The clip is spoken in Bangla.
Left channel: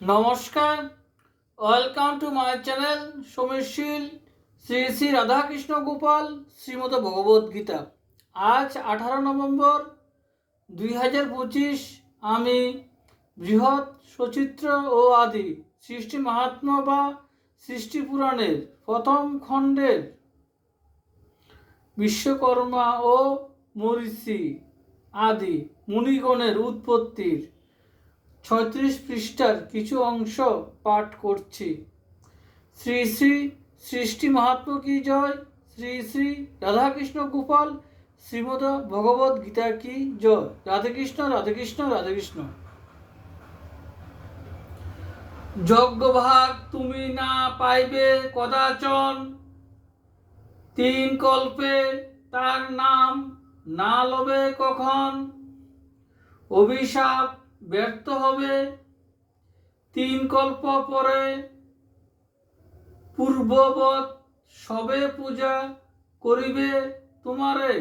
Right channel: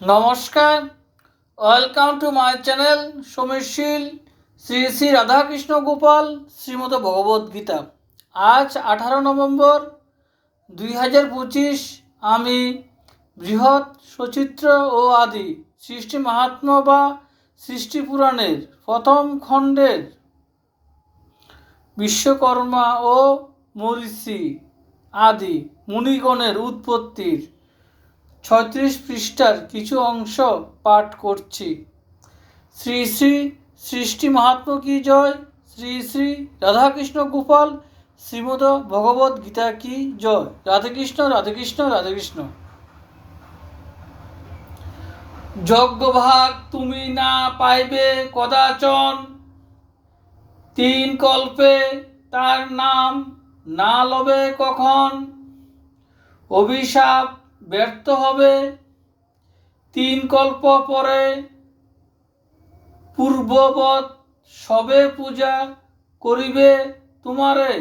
নমস্কার, welcome to my channel Samirshil Shri Shri Radhakrishna Gopal Shrimad Bhagavadgita. আজ 18 নভেম্বর 2025। আমি বৃহৎ সচিত্র ও আদি সৃষ্টি মাহাত্ম্য বা সৃষ্টি পুরাণের প্রথম খণ্ডের বিশ্বকর্মা ও মরীচি আদি মুনিগণের উৎপত্তির 36 পৃষ্ঠার কিছু অংশ পাঠ করছি। শ্রী শ্রী সৃষ্টি মাহাত্ম্য কি জয়, শ্রী শ্রী রাধাকৃষ্ণ গোপাল শ্রীমদ ভগবদ গীতা কি জয়। রাধেকৃষ্ণ রাধেকৃষ্ণ রাধেকৃষ্ণ। যজ্ঞভাগ তুমি না পাইবে কদাচন, 3 কল্পে তার নাম না লবে কখন। অভিশাপ ব্যর্থ হবে 3 কল্প পরে, পূর্ববৎ সবে পূজা করিবে তোমারে।